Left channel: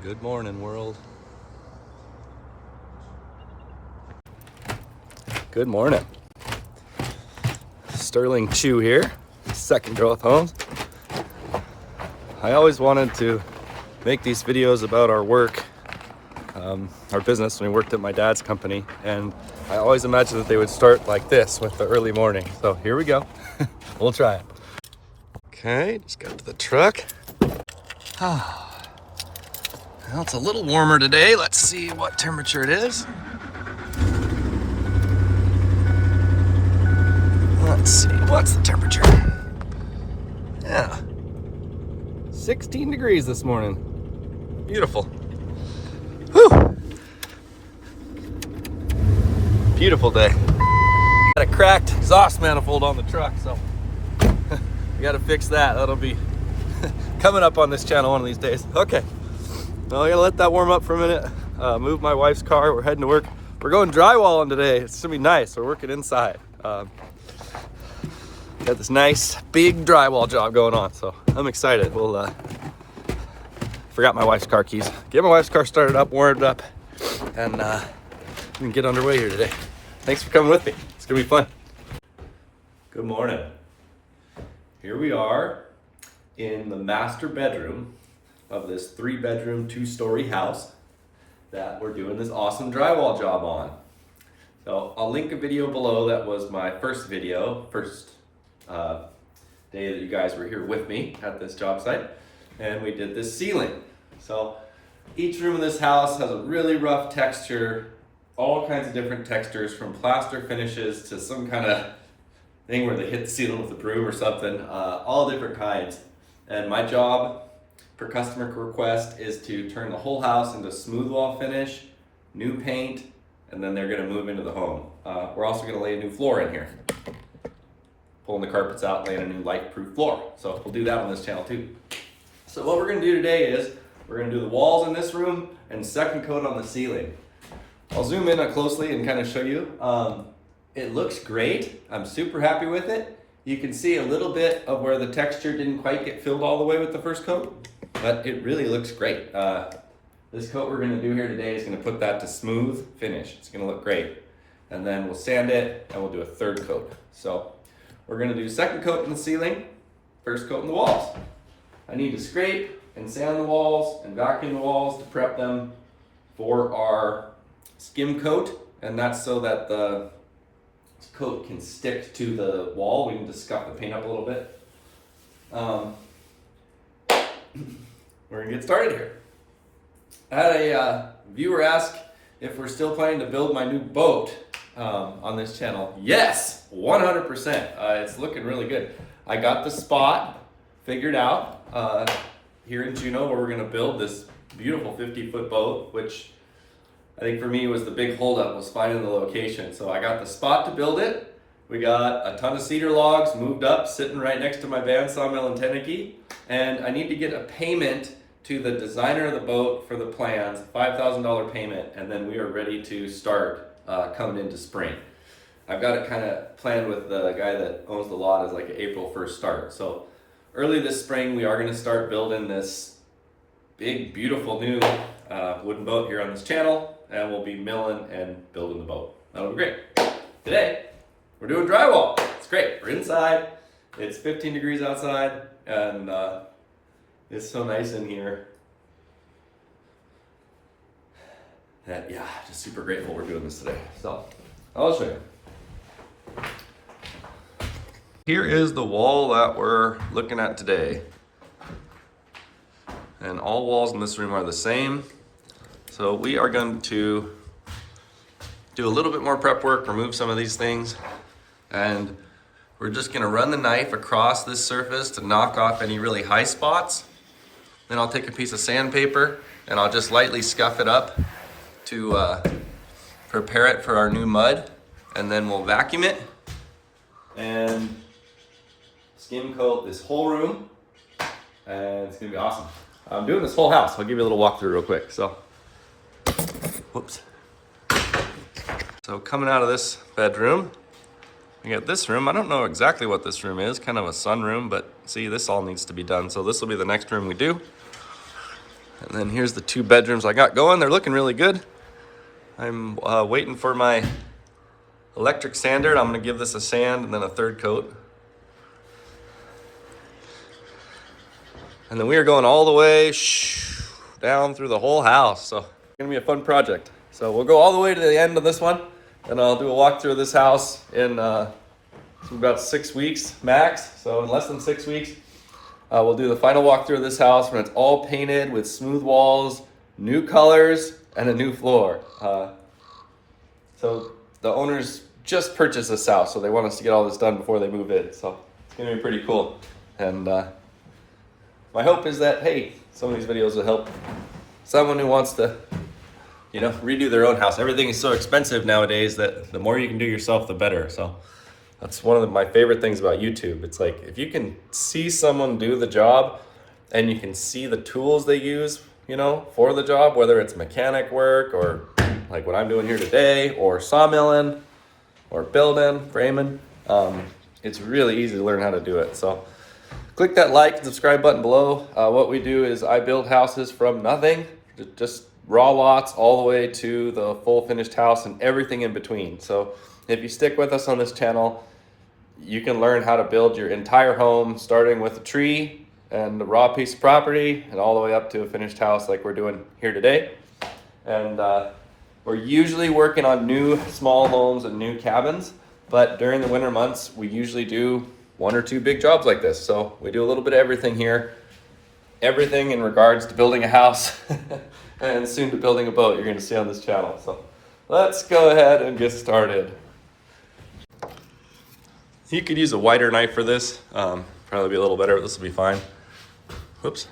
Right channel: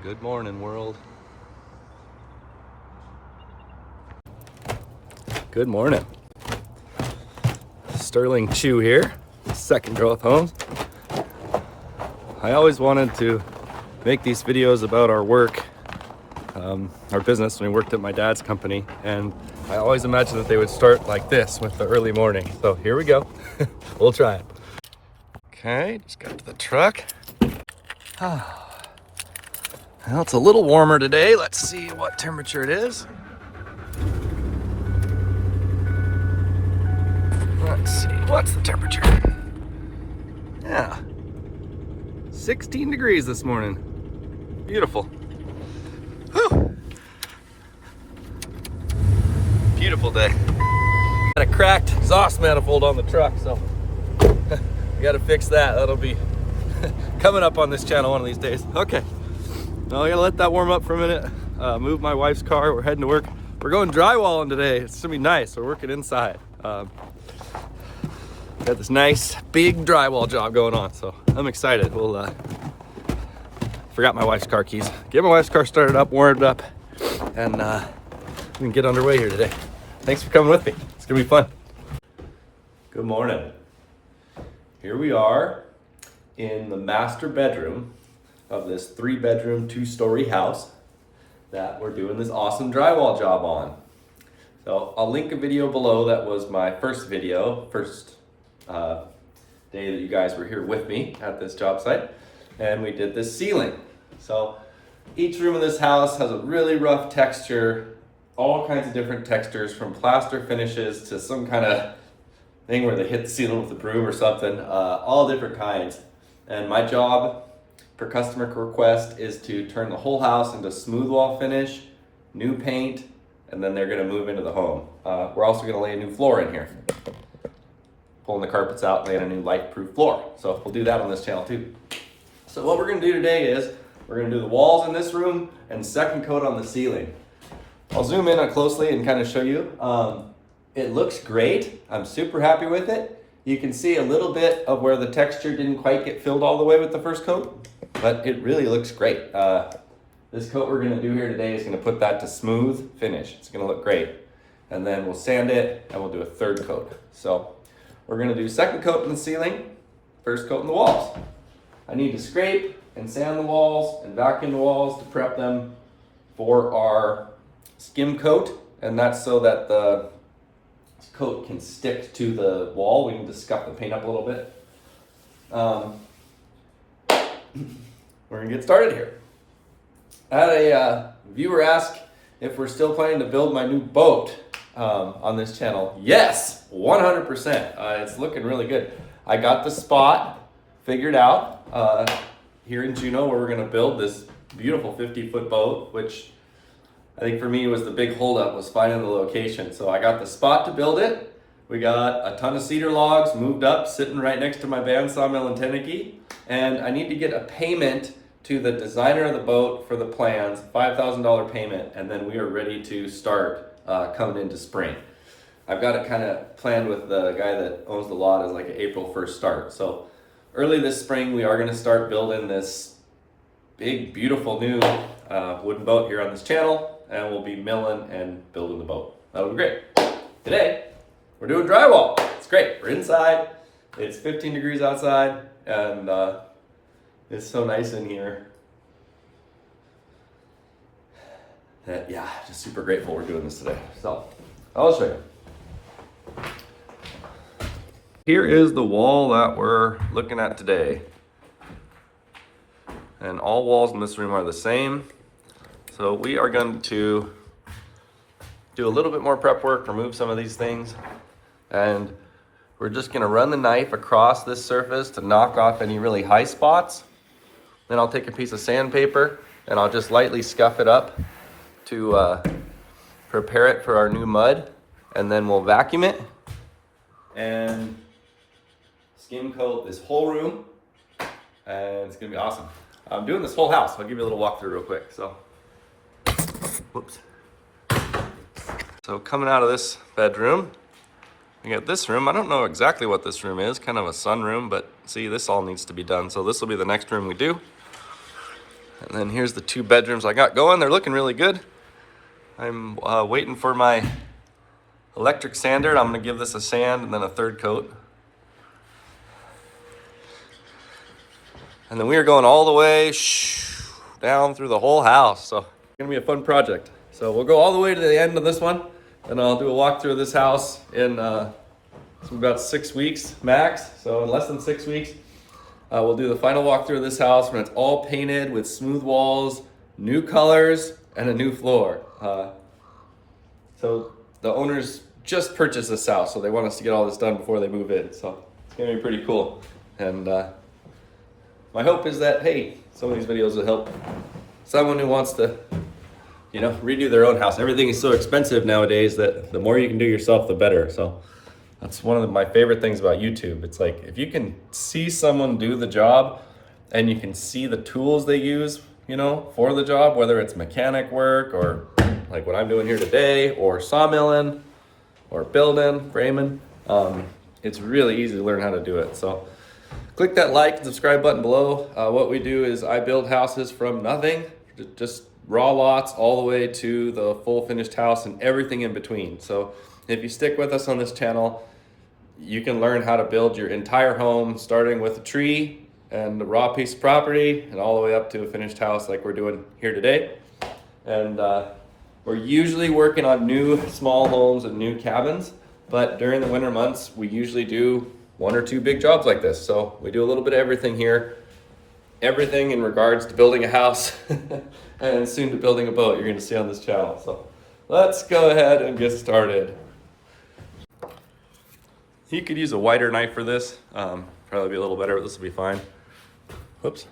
Good morning, world. Good morning. Sterling Chu here, Second Growth Homes. I always wanted to make these videos about our work, our business when we worked at my dad's company, and I always imagined that they would start like this with the early morning. So here we go. We'll try it. Okay, just got to the truck. Well, it's a little warmer today. Let's see what temperature it is. Let's see, what's the temperature? Yeah, 16 degrees this morning. Beautiful. Whew. Beautiful day. Got a cracked exhaust manifold on the truck, so we got to fix that. That'll be coming up on this channel one of these days. Okay. Well, I gotta let that warm up for a minute. Move my wife's car. We're heading to work. We're going drywalling today. It's gonna be nice. We're working inside. Got this nice big drywall job going on, so I'm excited. We'll forgot my wife's car keys. Get my wife's car started up, warmed up, and we can get underway here today. Thanks for coming with me. It's gonna be fun. Good morning. Here we are in the master bedroom of this 3-bedroom, 2-story house that we're doing this awesome drywall job on. So I'll link a video below. That was my first video, first day that you guys were here with me at this job site, and we did this ceiling. So each room in this house has a really rough texture, all kinds of different textures, from plaster finishes to some kind of thing where they hit the ceiling with a broom or something, all different kinds. And my job per customer request is to turn the whole house into smooth wall finish, new paint, and then they're gonna move into the home. We're also gonna lay a new floor in here. Pulling the carpets out, laying a new light-proof floor. So we'll do that on this channel too. So what we're gonna do today is, we're gonna do the walls in this room and second coat on the ceiling. I'll zoom in closely and kind of show you. It looks great. I'm super happy with it. You can see a little bit of where the texture didn't quite get filled all the way with the first coat, but it really looks great. This coat we're gonna do here today is gonna put that to smooth finish. It's gonna look great. And then we'll sand it and we'll do a third coat. So we're gonna do second coat in the ceiling, first coat in the walls. I need to scrape and sand the walls and vacuum the walls to prep them for our skim coat. And that's so that the coat can stick to the wall. We need to scuff the paint up a little bit. We're gonna get started here. I had a viewer ask if we're still planning to build my new boat on this channel. Yes, 100%. It's looking really good. I got the spot figured out here in Juneau where we're gonna build this beautiful 50-foot boat, which I think for me was the big holdup, was finding the location. So I got the spot to build it. We got a ton of cedar logs moved up, sitting right next to my band sawmill in Tennessee. And I need to get a payment to the designer of the boat for the plans, $5,000 payment, and then we are ready to start coming into spring. I've got it kind of planned with the guy that owns the lot as like an April 1st start. So early this spring, we are gonna start building this big, beautiful new wooden boat here on this channel, and we'll be milling and building the boat. That'll be great. Today, we're doing drywall. It's great. We're inside. It's 15 degrees outside, and it's so nice in here that, yeah, just super grateful we're doing this today. So, I'll show you. Here is the wall that we're looking at today. And all walls in this room are the same. So we are going to do a little bit more prep work, remove some of these things, and we're just gonna run the knife across this surface to knock off any really high spots. Then I'll take a piece of sandpaper and I'll just lightly scuff it up to prepare it for our new mud, and then we'll vacuum it and skim coat this whole room, and it's gonna be awesome. I'm doing this whole house. I'll give you a little walkthrough real quick. So, whoops. So coming out of this bedroom, we got this room. I don't know exactly what this room is, kind of a sun room, but see, this all needs to be done. So this will be the next room we do. And then here's the 2 bedrooms I got going. They're looking really good. I'm waiting for my electric sander. I'm gonna give this a sand and then a 3rd coat. And then we are going all the way down through the whole house. So it's gonna be a fun project. So we'll go all the way to the end of this one, and I'll do a walkthrough of this house in about 6 weeks max. So in less than 6 weeks, we'll do the final walkthrough of this house when it's all painted with smooth walls, new colors, and a new floor. So the owners just purchased this house, so they want us to get all this done before they move in. So it's gonna be pretty cool. And my hope is that, hey, some of these videos will help someone who wants to, you know, redo their own house. Everything is so expensive nowadays that the more you can do yourself, the better. So that's one of my favorite things about YouTube. It's like, if you can see someone do the job and you can see the tools they use, you know, for the job, whether it's mechanic work or like what I'm doing here today, or sawmilling or building, framing, it's really easy to learn how to do it. So click that like and subscribe button below. What we do is I build houses from nothing, just raw lots, all the way to the full finished house and everything in between. So if you stick with us on this channel, you can learn how to build your entire home, starting with a tree and a raw piece of property and all the way up to a finished house like we're doing here today. And we're usually working on new small homes and new cabins, but during the winter months, we usually do 1 or 2 big jobs like this. So we do a little bit of everything here, everything in regards to building a house and soon to building a boat you're gonna see on this channel. So let's go ahead and get started. You could use a wider knife for this, probably be a little better, but this will be fine. Whoops.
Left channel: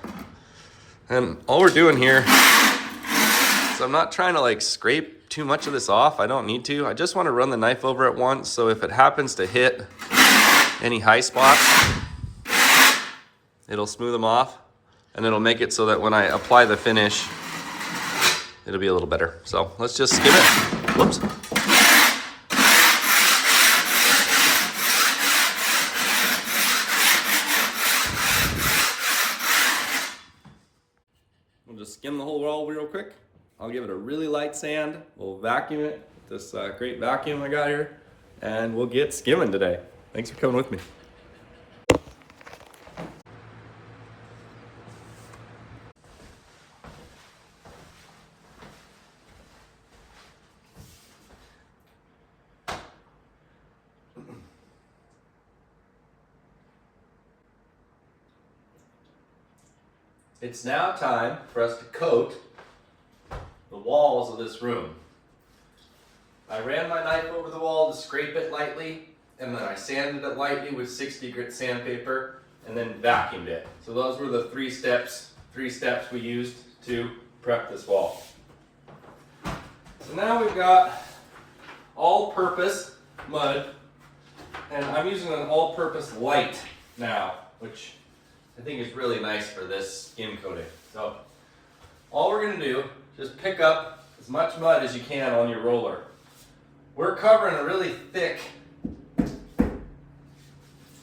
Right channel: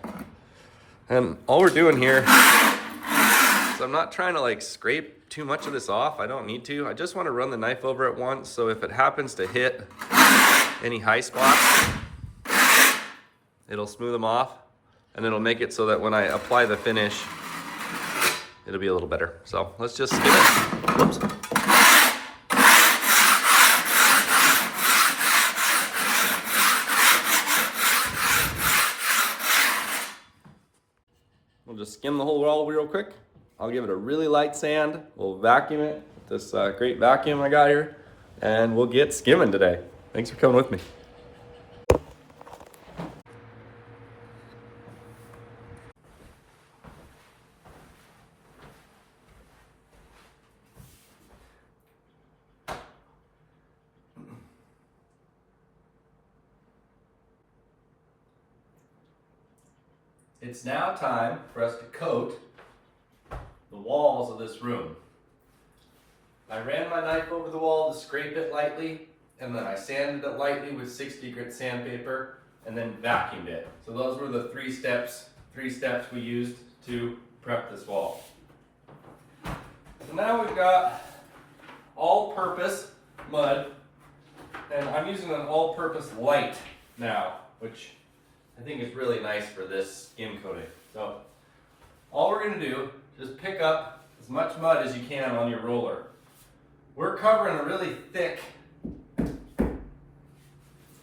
And all we're doing here is I'm not trying to like scrape too much of this off. I don't need to. I just want to run the knife over it once, so if it happens to hit any high spots, it'll smooth them off, and it'll make it so that when I apply the finish, it'll be a little better. So let's just skim it. Whoops. We'll just skim the whole wall real quick. I'll give it a really light sand. We'll vacuum it with this great vacuum I got here, and we'll get skimming today. Thanks for coming with me. It's now time for us to coat the walls of this room. I ran my knife over the wall to scrape it lightly, and then I sanded it lightly with 60 grit sandpaper, and then vacuumed it. So those were the three steps we used to prep this wall. So now we've got all-purpose mud, and I'm using an all-purpose light now, which I think is really nice for this skim coating. So all we're gonna do is pick up as much mud as you can on your roller. We're covering a really thick,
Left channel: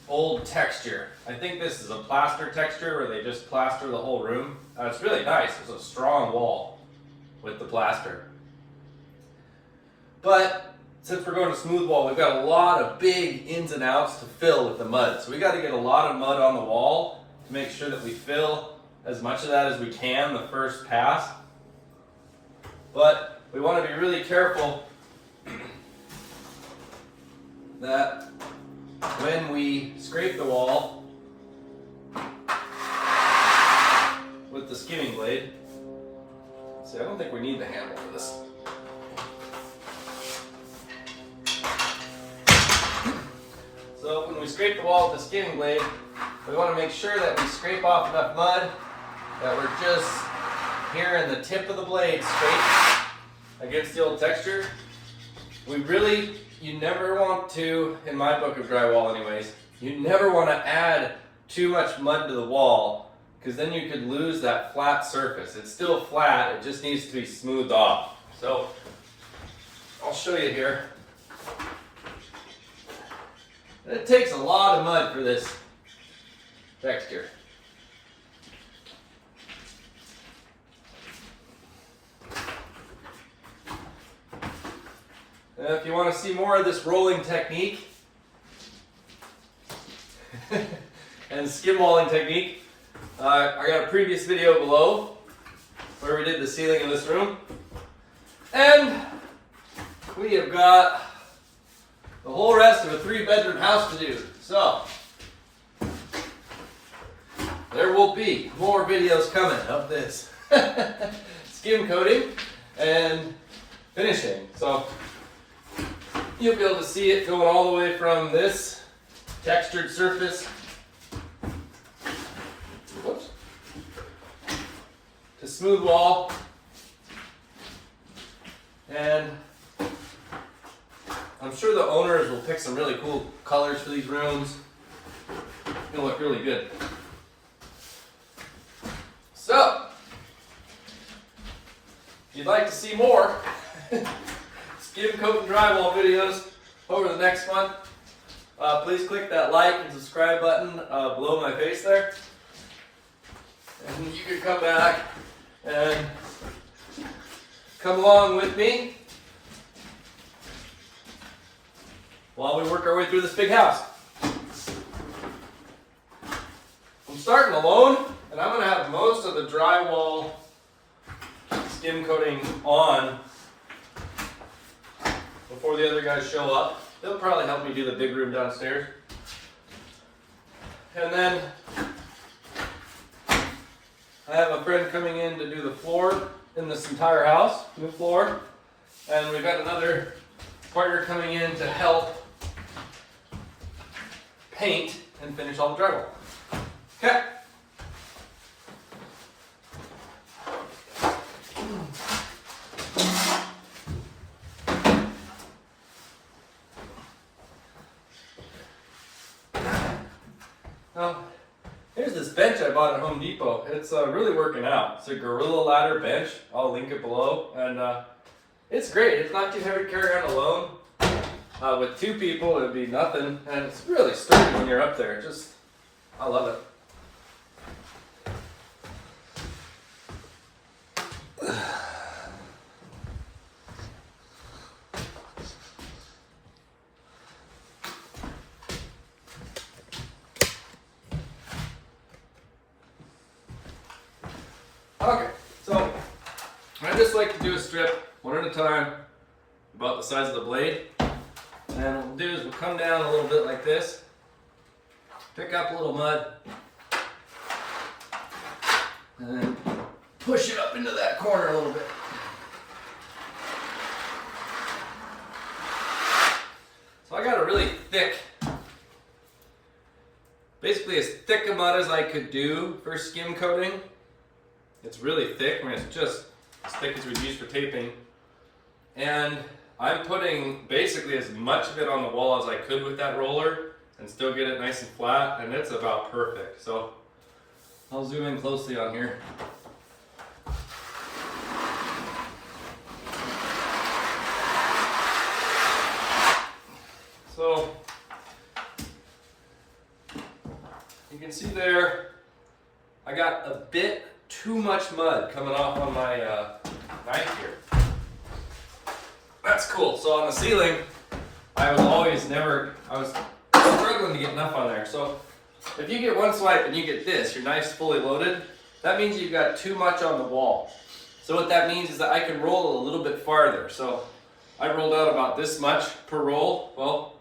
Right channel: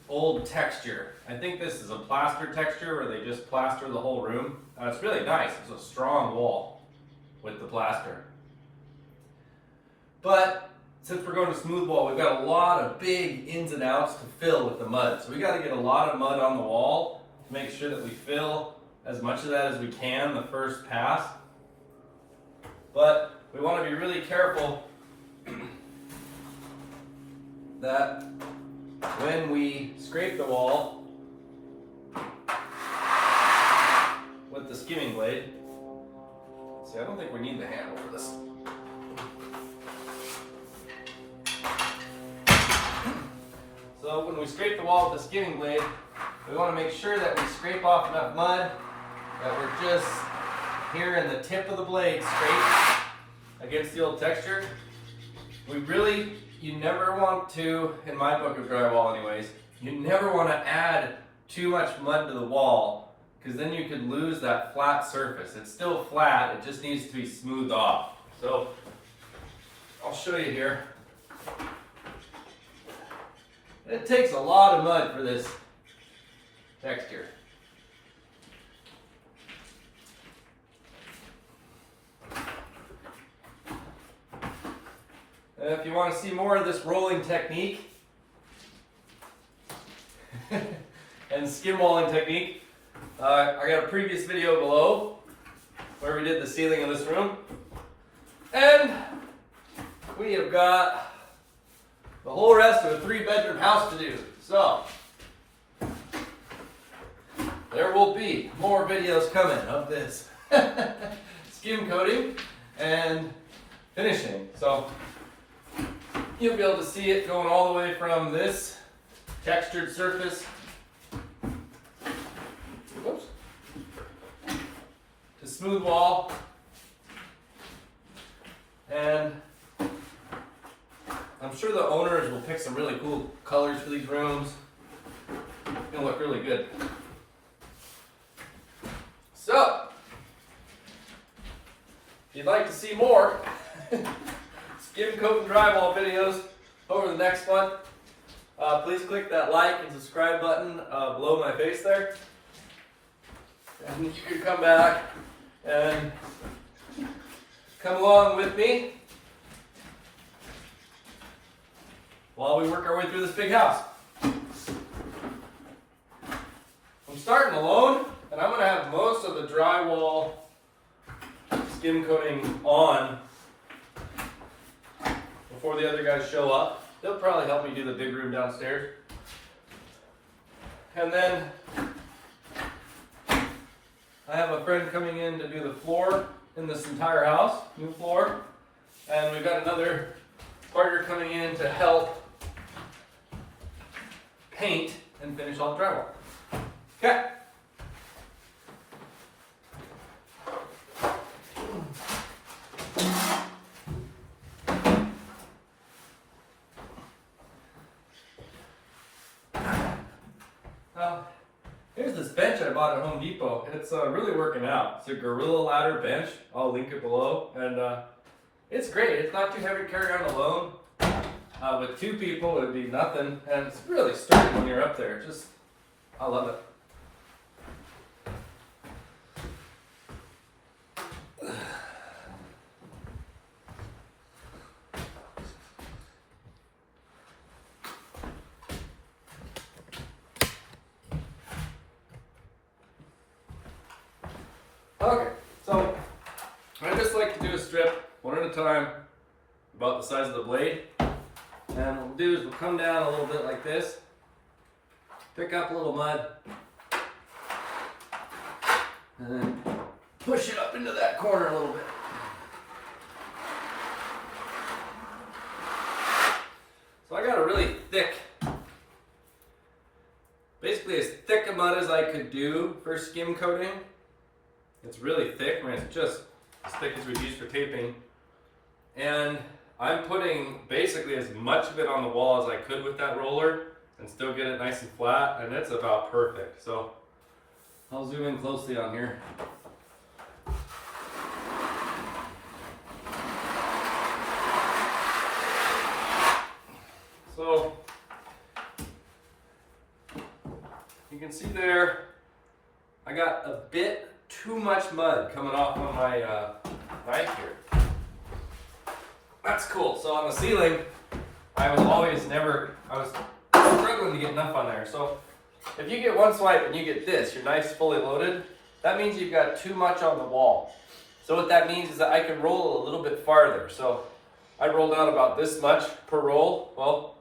old texture. I think this is a plaster texture where they just plaster the whole room. It's really nice. It's a strong wall with the plaster. But since we're going to smooth wall, we've got a lot of big ins and outs to fill with the mud. So we got to get a lot of mud on the wall to make sure that we fill as much of that as we can the first pass. But we want to be really careful that when we scrape the wall with the skimming blade, see, I don't think we need the handle for this. So when we scrape the wall with the skimming blade, we want to make sure that we scrape off enough mud that we're just here in the tip of the blade straight against the old texture. You never want to, in my book of drywall anyways, you never want to add too much mud to the wall, because then you could lose that flat surface. It's still flat, it just needs to be smoothed off. So I'll show you here. It takes a lot of mud for this texture. And if you want to see more of this rolling technique and skim walling technique, I got a previous video below where we did the ceiling in this room. And we have got the whole rest of a 3-bedroom house to do. So there will be more videos coming of this skim coating and finishing. So you'll be able to see it going all the way from this textured surface, whoops, to smooth wall, and I'm sure the owners will pick some really cool colors for these rooms. It's gonna look really good. So, if you'd like to see more Skimcoat and drywall videos over the next one, please click that like and subscribe button below my face there. And you can come back and come along with me while we work our way through this big house. I'm starting alone, and I'm going to have most of the drywall skim coating on before the other guys show up. It'll probably help me do the big room downstairs. And then I have a friend coming in to do the floor in this entire house, new floor. And we've got another partner coming in to help paint and finish all the drywall. Okay. Now, here's this bench I bought at Home Depot. It's really working out. It's a Gorilla Ladder bench. I'll link it below. And it's great. It's not too heavy to carry around alone. With 2 people, it'd be nothing. And it's really sturdy when you're up there. I love it. Okay, so I just like to do a strip one at a time, about the size of the blade. And what we'll do is we'll come down a little bit like this, pick up a little mud, and then push it up into that corner a little bit. So I got a really thick, basically as thick a mud as I could do for skim coating. It's really thick. I mean, it's just as thick as we'd use for taping. And I'm putting basically as much of it on the wall as I could with that roller and still get it nice and flat, and it's about perfect. So I'll zoom in closely on here. So you can see there, I got a bit too much mud coming off on my knife here. That's cool. So on the ceiling, I was struggling to get enough on there. So if you get one swipe and you get this, your knife's fully loaded, that means you've got too much on the wall. So what that means is that I can roll a little bit farther. So I rolled out about this much per roll. Well,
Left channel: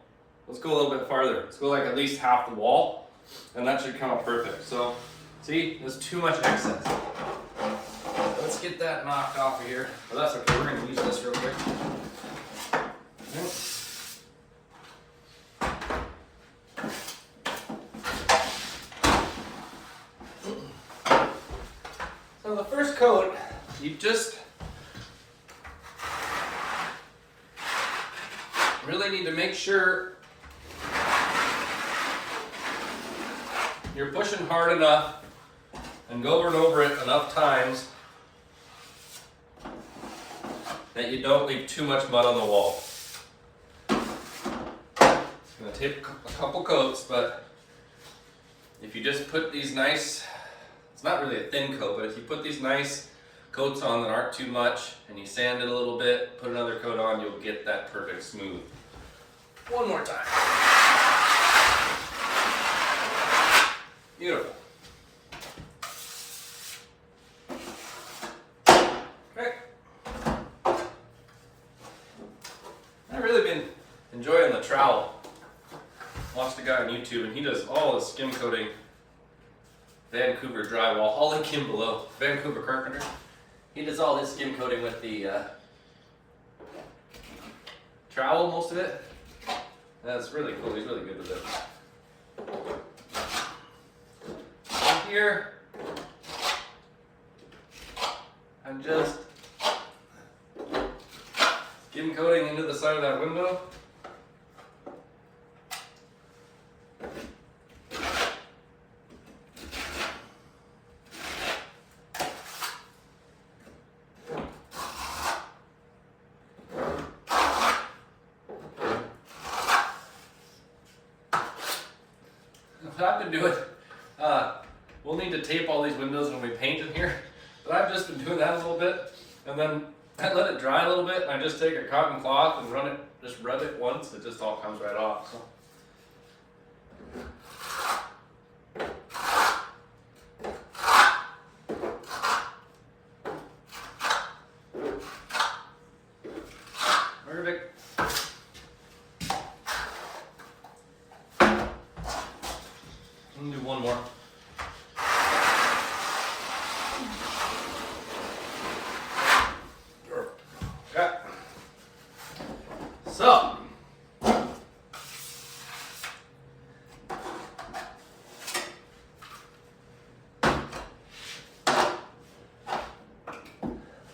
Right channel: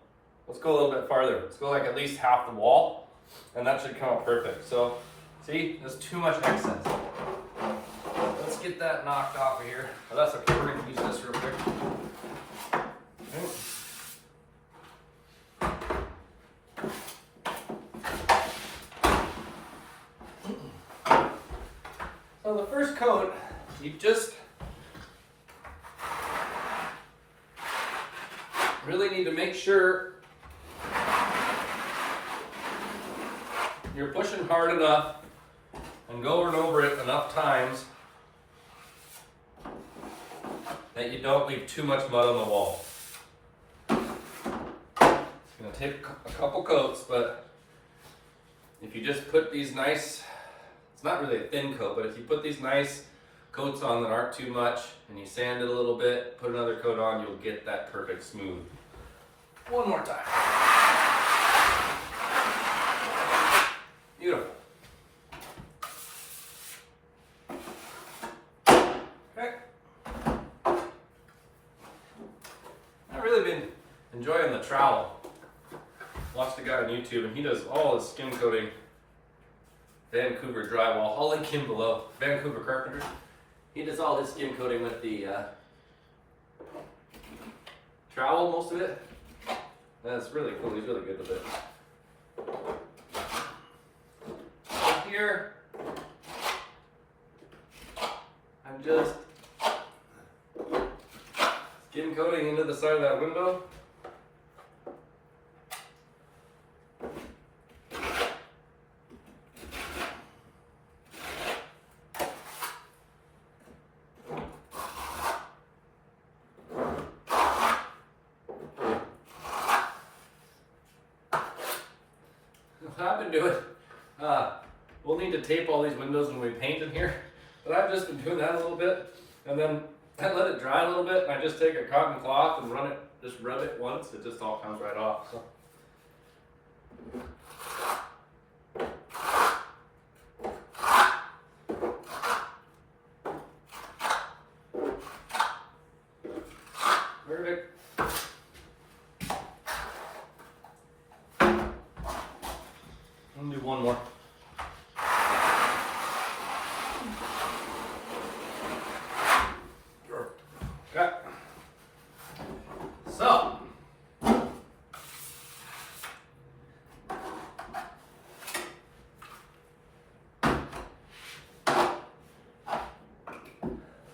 let's go a little bit farther. Let's go like at least half the wall, and that should come out perfect. So see, there's too much excess. Let's get that knocked off of here. Oh, that's okay, we're gonna use this real quick. Yep. So the first coat, you just really need to make sure you're pushing hard enough and go over and over it enough times that you don't leave too much mud on the wall. It's going to take a couple coats, but if you just put these nice, it's not really a thin coat, but if you put these nice coats on that aren't too much, and you sand it a little bit, put another coat on, you'll get that perfect smooth. One more time. Beautiful. Okay. I've really been enjoying the trowel. Watched a guy on YouTube, and he does all his skim coating. Vancouver Drywall. I'll link him below. Vancouver Carpenter. He does all his skim coating with the trowel, most of it. That's really cool. He's really good with it. And here, I'm just skim coating into the side of that window. What I've been doing, we'll need to tape all these windows when we paint in here, but I've just been doing that a little bit, and then I let it dry a little bit, and I just take a cotton cloth and just rub it once, it just all comes right off. So. Perfect. Let me do one more. Okay. So,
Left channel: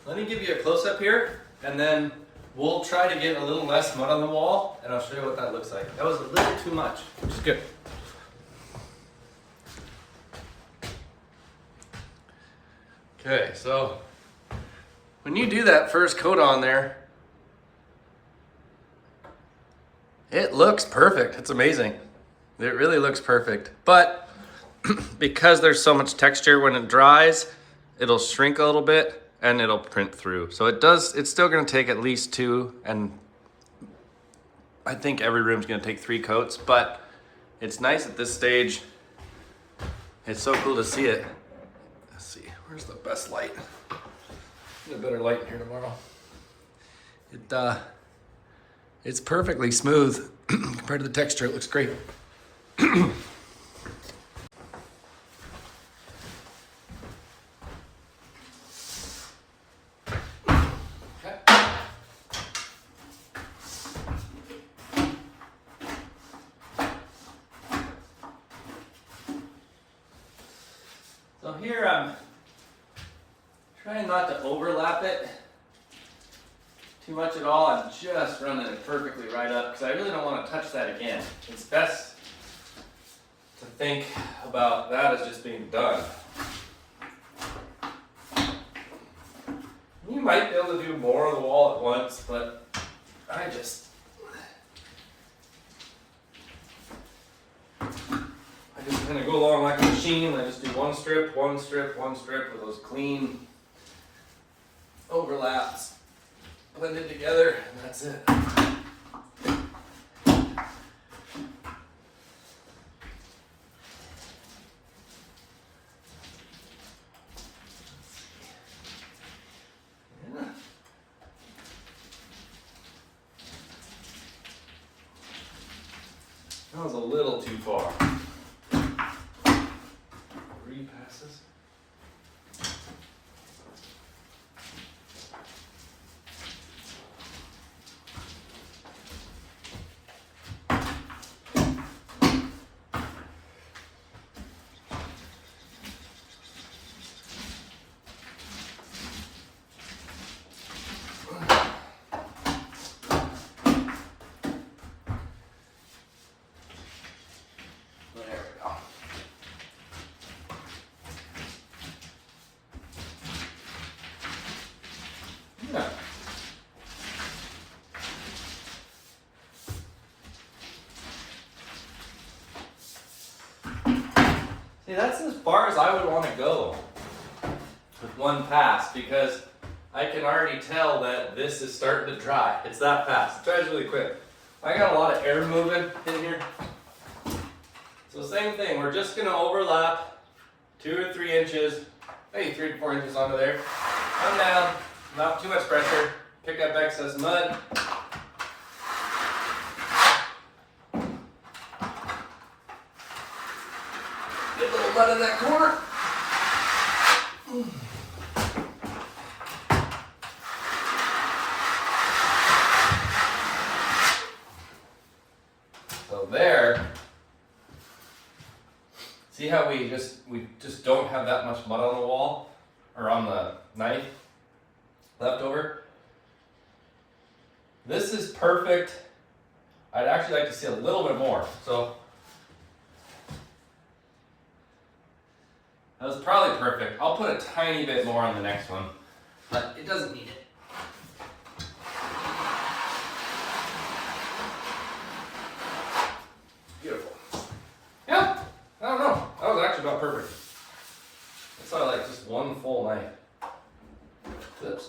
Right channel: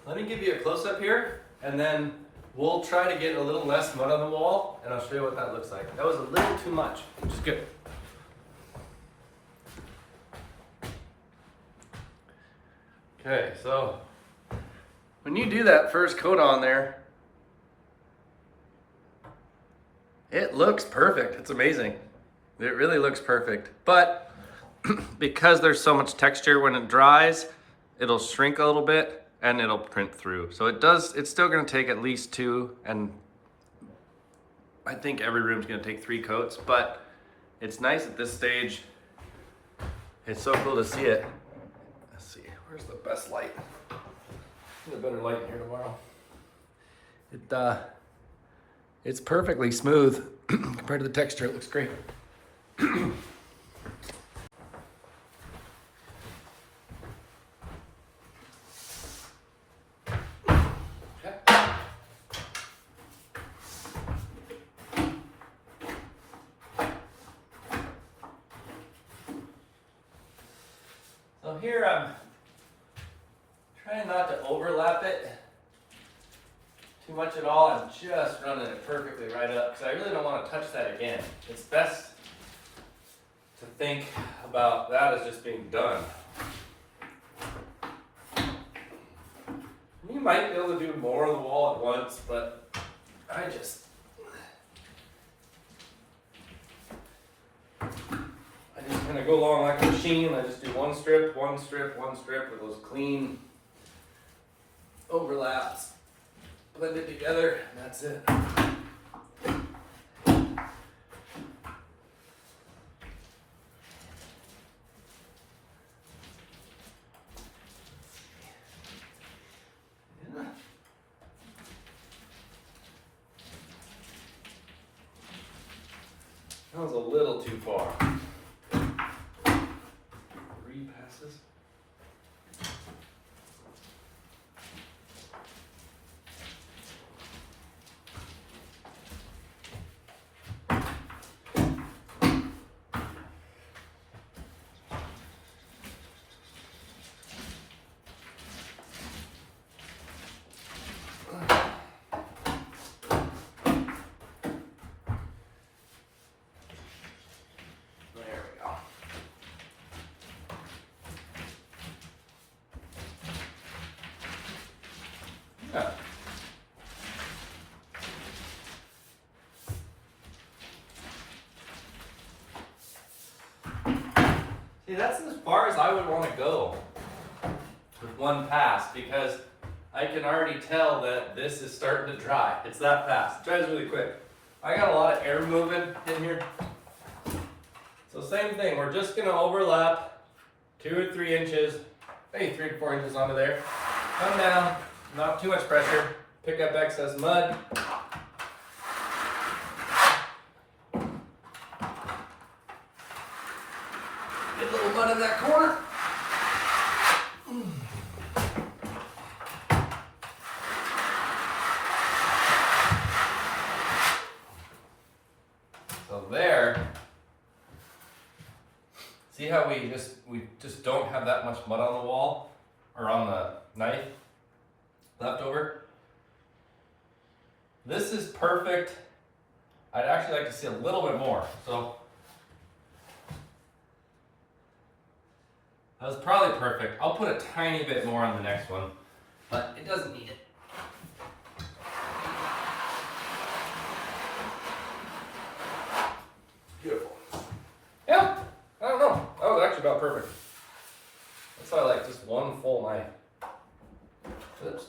let me give you a close-up here, and then we'll try to get a little less mud on the wall, and I'll show you what that looks like. That was a little too much, which is good. Okay, so when you do that first coat on there, it looks perfect. It's amazing. It really looks perfect. But because there's so much texture, when it dries, it'll shrink a little bit and it'll print through. So it's still gonna take at least 2, and I think every room's gonna take 3 coats, but it's nice at this stage. It's so cool to see it. Let's see, where's the best light? Get a better light in here tomorrow. It's perfectly smooth compared to the texture. It looks great. So here I'm trying not to overlap it too much at all. I'm just running it perfectly right up because I really don't want to touch that again. It's best to think about that as just being done. You might be able to do more on the wall at once, but I just kind of go along like a machine. I just do one strip, one strip, one strip with those clean overlaps. Blend it together, and that's it. Yeah. That was a little too far. 3 passes. Yeah. See, that's as far as I would want to go with one pass because I can already tell that this is starting to dry. It's that fast. It dries really quick. I got a lot of air moving in here. So same thing, we're just gonna overlap 2 or 3 inches, maybe 3 to 4 inches onto there. Come down, not too much pressure, pick up excess mud. Get a little mud in that corner. So there. See how we just don't have that much mud on the wall or on the knife left over? This is perfect. I'd actually like to see a little bit more. So that was probably perfect. I'll put a tiny bit more on the next one, but it doesn't need it. Beautiful. Yeah, I don't know. That was actually about perfect. That's why I like just one full knife. Oops.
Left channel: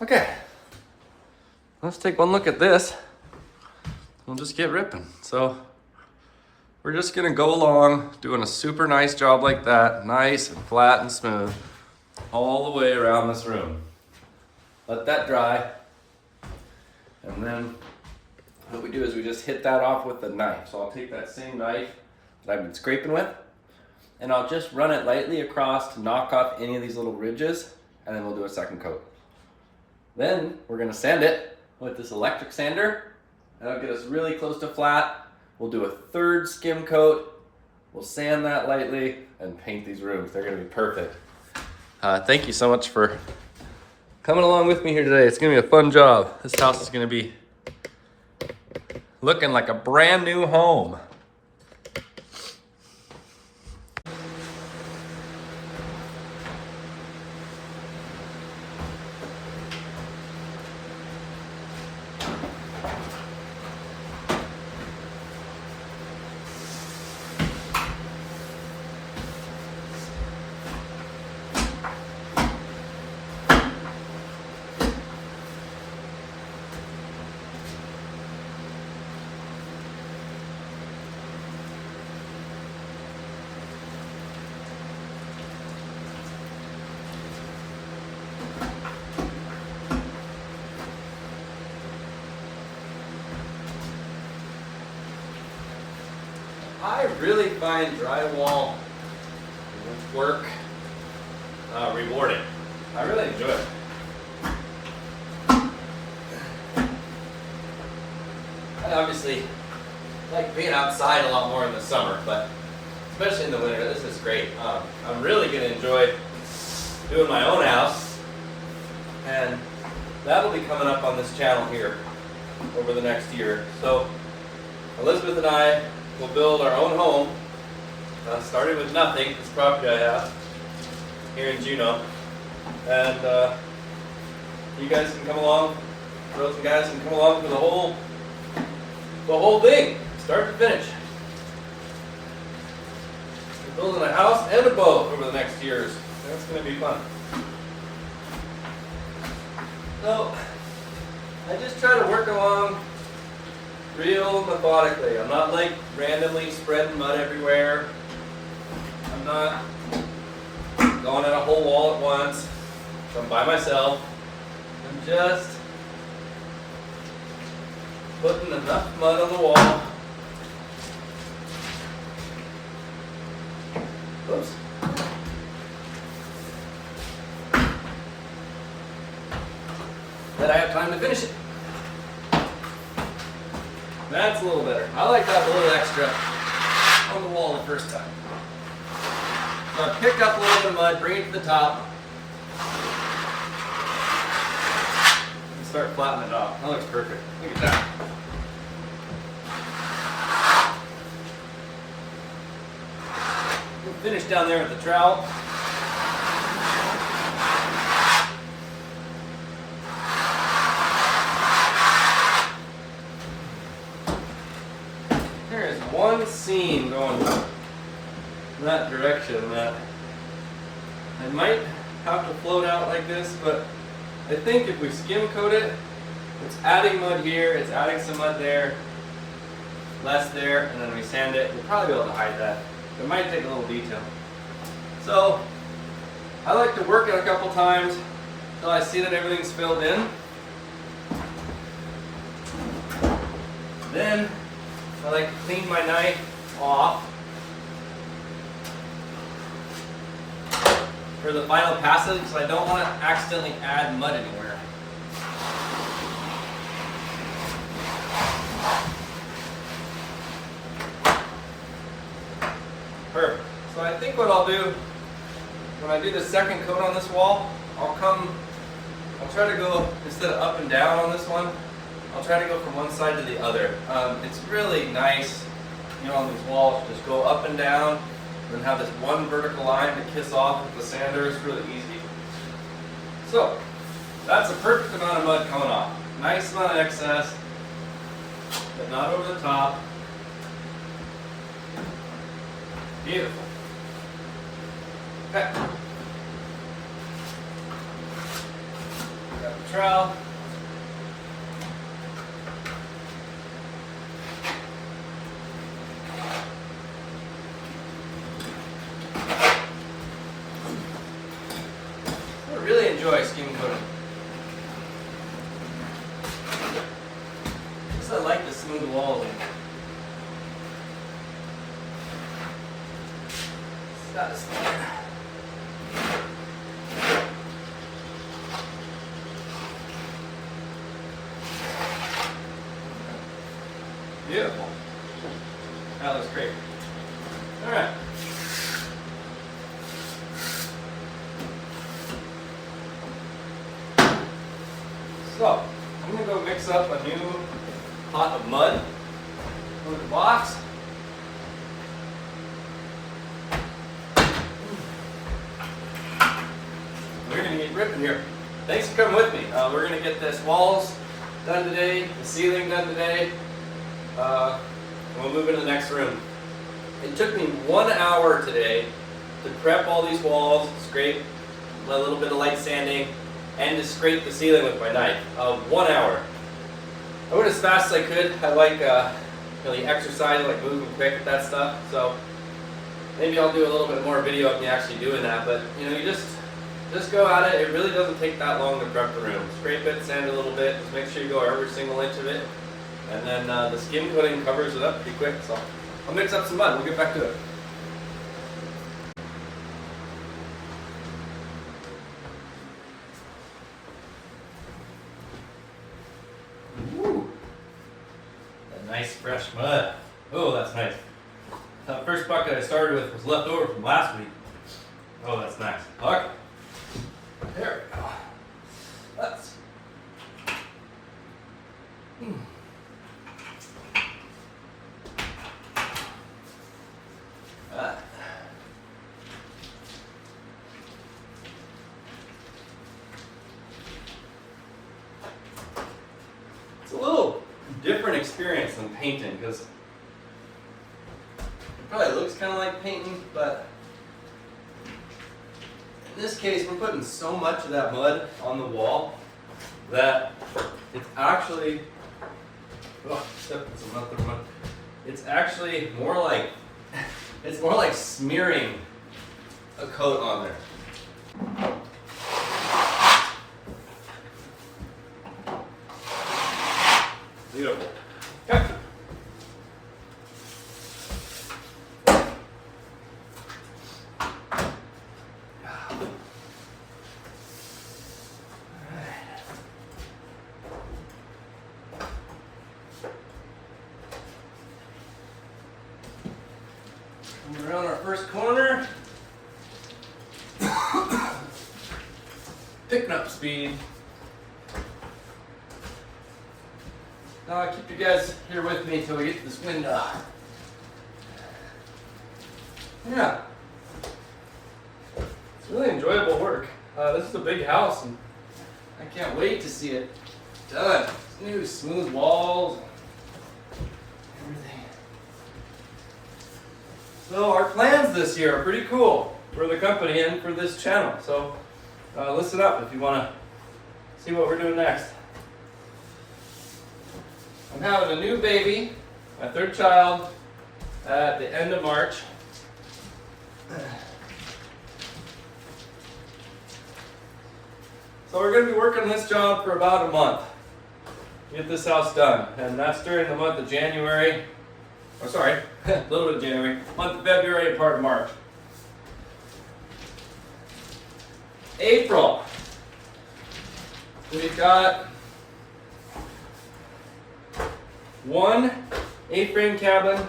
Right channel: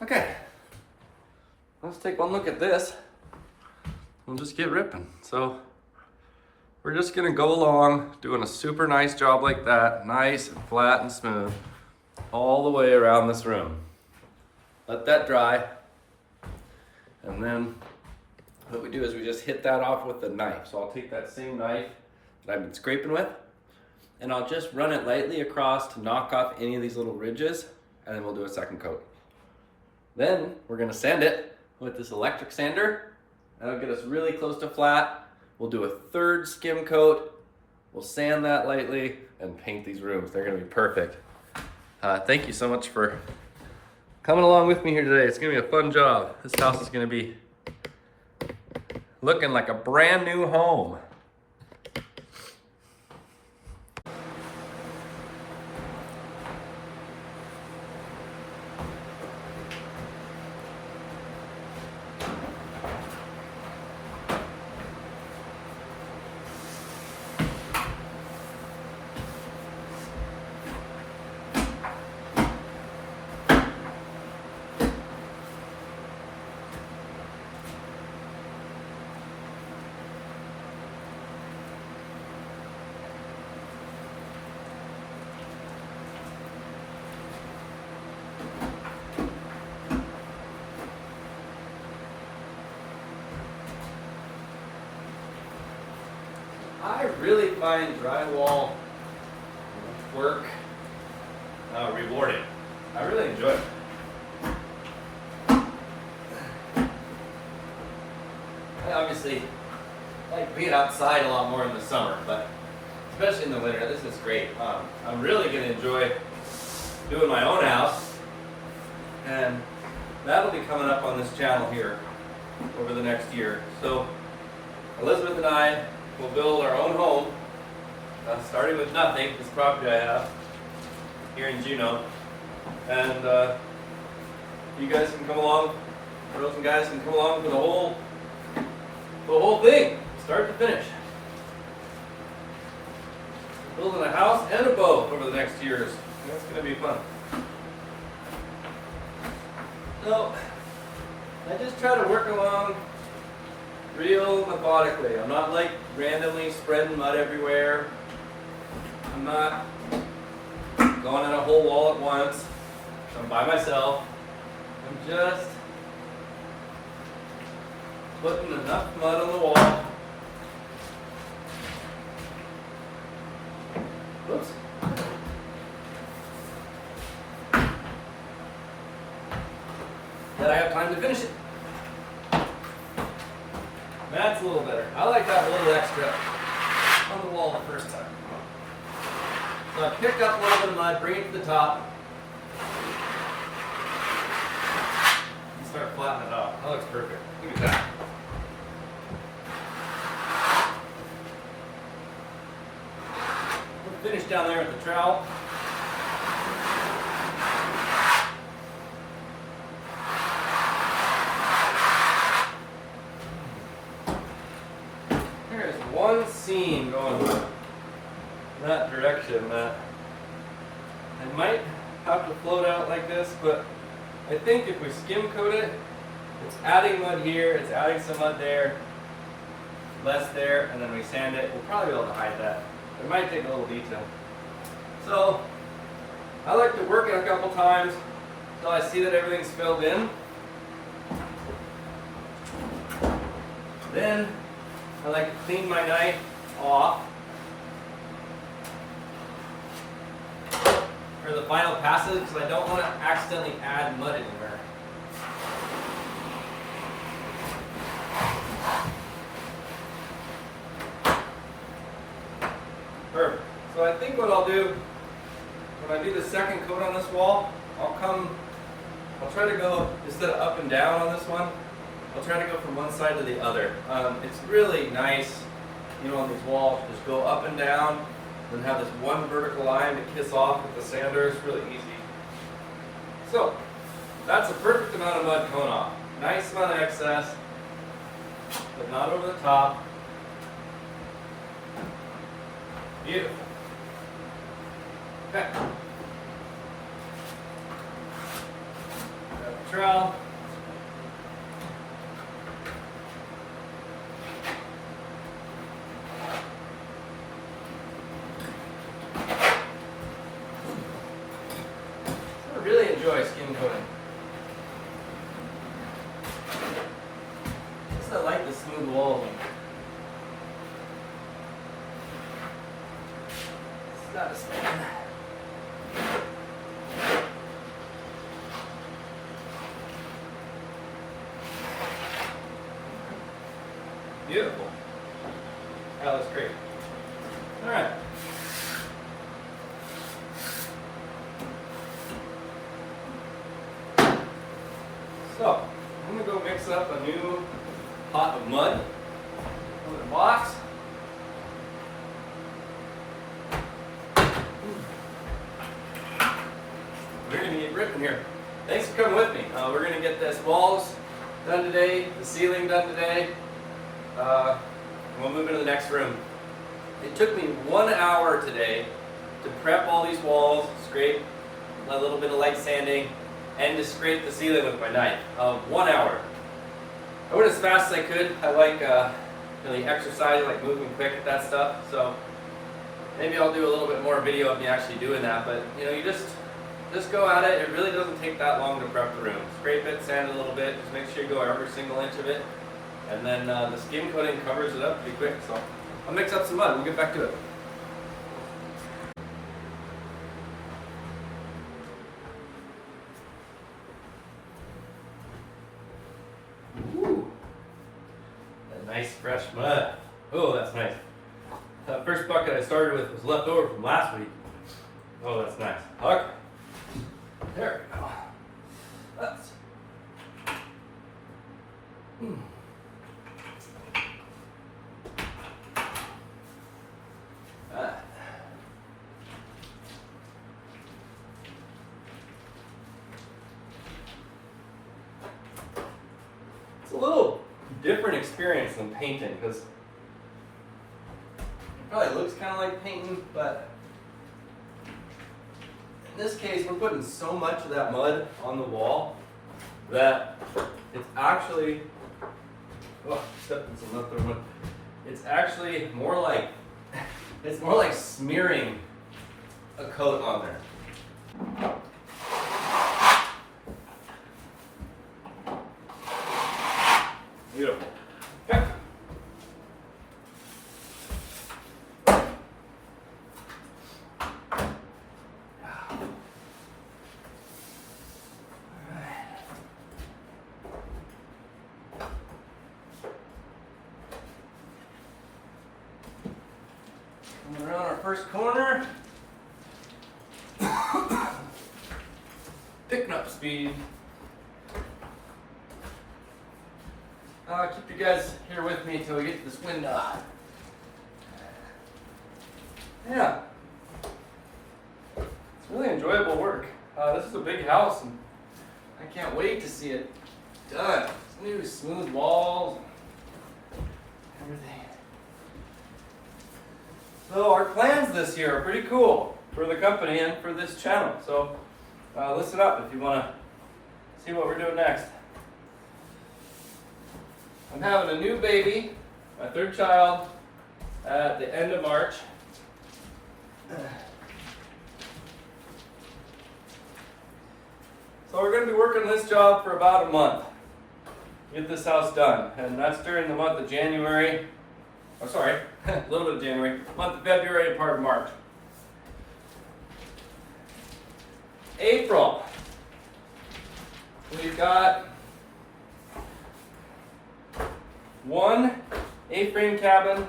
Okay. Let's take one look at this. We'll just get ripping. So we're just gonna go along doing a super nice job like that, nice and flat and smooth, all the way around this room. Let that dry. And then what we do is we just hit that off with the knife. So I'll take that same knife that I've been scraping with, and I'll just run it lightly across to knock off any of these little ridges, and then we'll do a second coat. Then we're gonna sand it with this electric sander. That'll get us really close to flat. We'll do a third skim coat. We'll sand that lightly and paint these rooms. They're gonna be perfect. Thank you so much for coming along with me here today. It's gonna be a fun job. This house is gonna be looking like a brand new home. I really find drywall work rewarding. I really enjoy it. I obviously like being outside a lot more in the summer, but especially in the winter, this is great. I'm really going to enjoy doing my own house, and that'll be coming up on this channel here over the next year. So Elizabeth and I will build our own home, starting with nothing, this property I have here in Juneau. And you guys can come along, girls and guys can come along with the whole thing, start to finish. We're building a house and a boat over the next years. So that's going to be fun. So I just try to work along real methodically. I'm not like randomly spreading mud everywhere. I'm not going in a whole wall at once. So I'm by myself. I'm just putting enough mud on the wall. Oops. That I have time to finish it. That's a little better. I like that little extra on the wall the first time. Now pick up a little bit of mud, bring it to the top, and start flattening it off. That looks perfect. Look at that. We'll finish down there with the trowel. There is one seam going in that direction. That I might have to float out like this, but I think if we skim coat it, it's adding mud here, it's adding some mud there, less there, and then we sand it. We'll probably be able to hide that. It might take a little detail. So I like to work it a couple times until I see that everything's filled in. Then I like to clean my knife off for the final passage, so I don't want to accidentally add mud anywhere. Perfect. So I think what I'll do, when I do the second coat on this wall, I'll try to go, instead of up and down on this one, I'll try to go from one side to the other. It's really nice, you know, on these walls, just go up and down, then have this one vertical line to kiss off with the sander. It's really easy. So, that's a perfect amount of mud coming off. Nice amount of excess, but not over the top. Beautiful. Okay. Grab the trowel. I really enjoy skim coating. I like the smooth walls. It's not a standard. Beautiful. That looks great. All right. So, I'm going to go mix up a new pot of mud. Put in a box. We're going to get ripping here. Thanks for coming with me. We're going to get this walls done today, the ceiling done today. We'll move into the next room. It took me 1 hour today to prep all these walls, scrape a little bit of light sanding, and to scrape the ceiling with my knife. 1 hour. I went as fast as I could. I like really exercising, like moving quick at that stuff. So maybe I'll do a little bit more video of me actually doing that. But you know, you just go at it. It really doesn't take that long to prep the room. Scrape it, sand it a little bit. Just make sure you go every single inch of it. And then the skim coating covers it up pretty quick. So I'll mix up some mud. We'll get back to it. Nice fresh mud. Oh, that's nice. That first bucket I started with was left over from last week. Oh, that's nice. Okay. There we go. That's. It's a little different experience than painting, because it probably looks kind of like painting, but in this case we're putting so much of that mud on the wall that it's actually, oh, stepped in some other one. It's actually more like, it's more like smearing a coat on there. Beautiful. Okay. We're on our first corner. Picking up speed. Keep you guys here with me until we get to this window. Yeah. It's really enjoyable work. This is a big house and I can't wait to see it done. New smooth walls, everything. So our plans this year are pretty cool for the company and for this channel. So listen up if you want to see what we're doing next. I'm having a new baby, my third child, at the end of March. So we're going to be working on this job for about a month to get this house done. And that's during the month of January. Oh, sorry, a little bit of January, month of February and part of March. April. We've got one A-frame cabin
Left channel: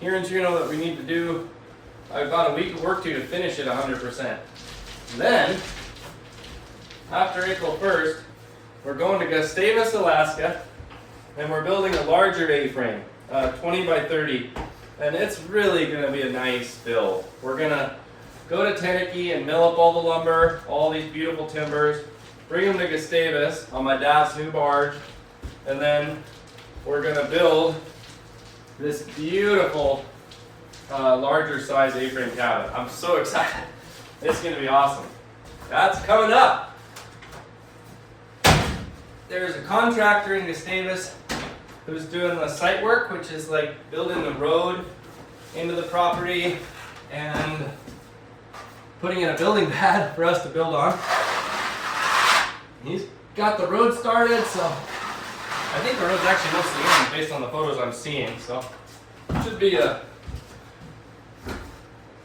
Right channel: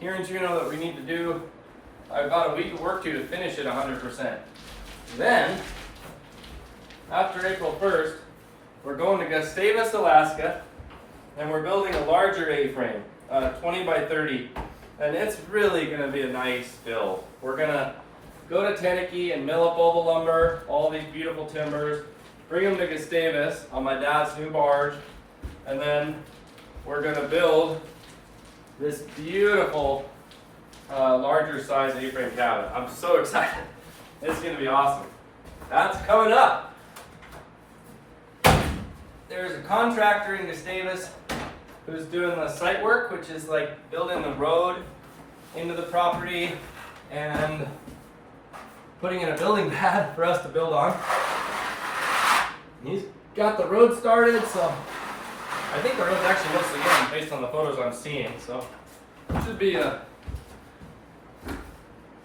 here in Juneau that we need to do. About a week of work to finish it 100%. Then, after April 1st, we're going to Gustavus, Alaska, and we're building a larger A-frame, 20 by 30, and it's really going to be a nice build. We're going to go to Tennessee and mill up all the lumber, all these beautiful timbers, bring them to Gustavus on my dad's new barge, and then we're going to build this beautiful larger size A-frame cabin. I'm so excited. It's going to be awesome. That's coming up. There's a contractor in Gustavus who's doing the site work, which is like building the road into the property and putting in a building pad for us to build on. He's got the road started, so I think the road's actually mostly done based on the photos I'm seeing. So it should be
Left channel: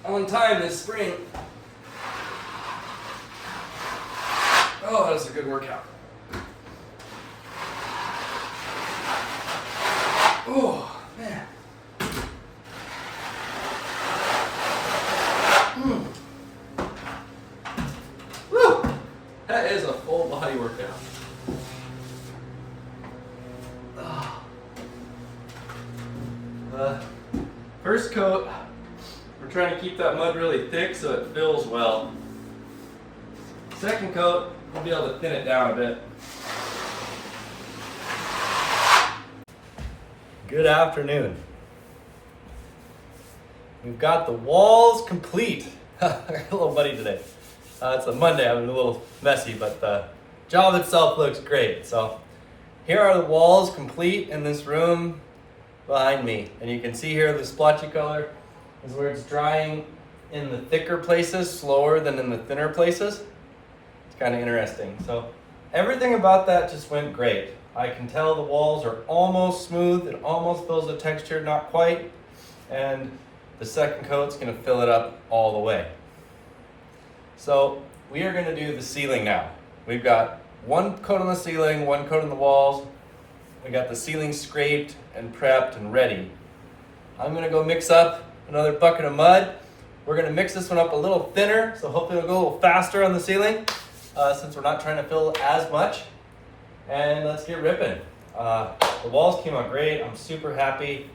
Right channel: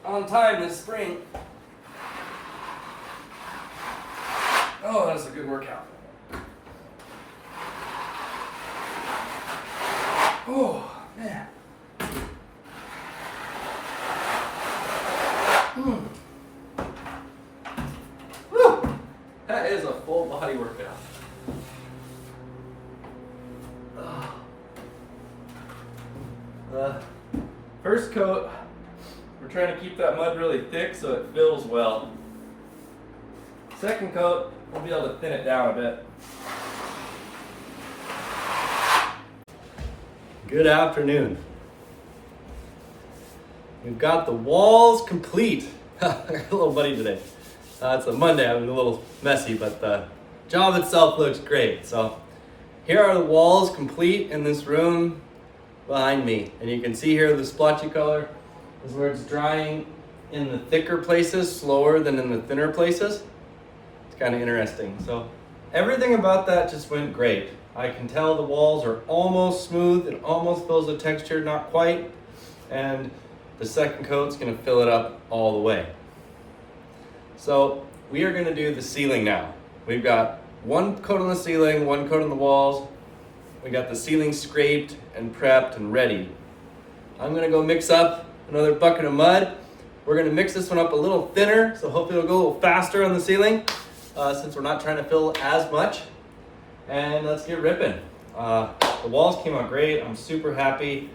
on time this spring. Oh, that's a good workout. Oh, man. Woo! That is a full body workout. First coat, we're trying to keep that mud really thick so it fills well. Second coat, we'll be able to thin it down a bit. Good afternoon. We've got the walls complete. I got a little muddy today. It's a Monday, I'm a little messy, but the job itself looks great. So here are the walls complete in this room behind me. And you can see here the splotchy color is where it's drying in the thicker places slower than in the thinner places. It's kind of interesting. So everything about that just went great. I can tell the walls are almost smooth. It almost fills the texture, not quite. And the second coat's gonna fill it up all the way. So we are gonna do the ceiling now. We've got one coat on the ceiling, one coat on the walls. We got the ceiling scraped and prepped and ready. I'm gonna go mix up another bucket of mud. We're gonna mix this one up a little thinner, so hopefully it'll go a little faster on the ceiling, since we're not trying to fill as much. And let's get ripping. The walls came out great. I'm super happy.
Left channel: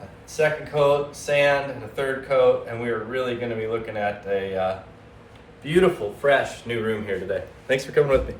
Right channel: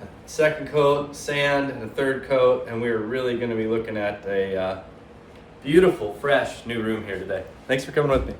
A second coat, sand, and a third coat, and we're really gonna be looking at a beautiful, fresh new room here today. Thanks for coming with me.